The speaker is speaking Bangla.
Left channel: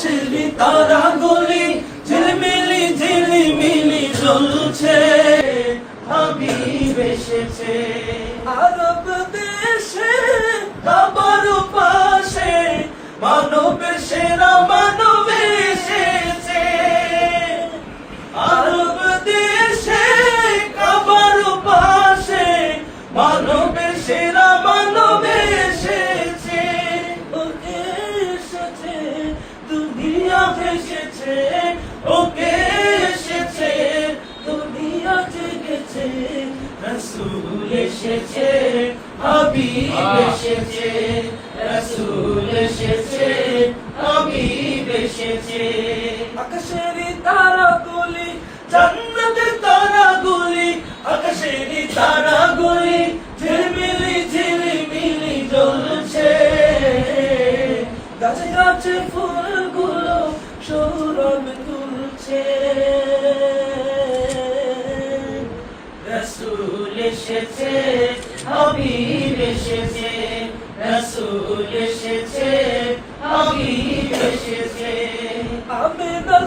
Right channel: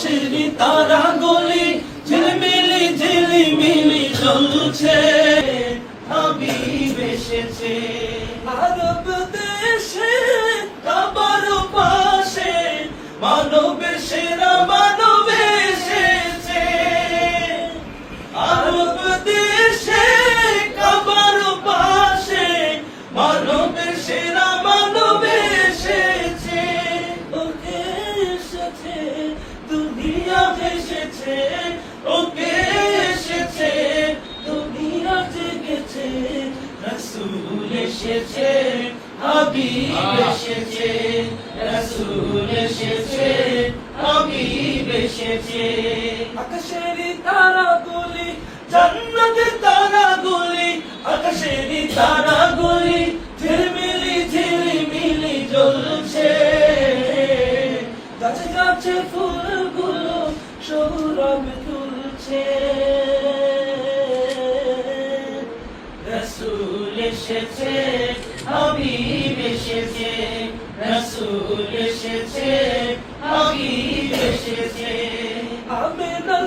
আকাশের তারাগুলি ঝিলমিলি ঝিলিমিলি জ্বলছে, হাবিব এসেছে। আরব দেশে কাবার পাশে মানবের সেরা মানব এসেছে। আরব দেশে কাবার পাশে মানবের সেরা মানব এসেছে। ওকে এসেছে দুনিয়া ভেসেছে, ওকে এসেছে দুনিয়া জেগেছে। রাসূল এসেছে, হাবিব এসেছে, রাসূল এসেছে, হাবিব এসেছে। আকাশের তারাগুলি জান্নাতের তারাগুলি, আকাশের তারাগুলি ঝিলমিলি ঝিলমিলি জ্বলছে। গাছে গাছে ফুলগুলো সৌরভ তুলছে। রাসূল এসেছে, হাবিব এসেছে, রাসূল এসেছে, হাবিব এসেছে। আমিনার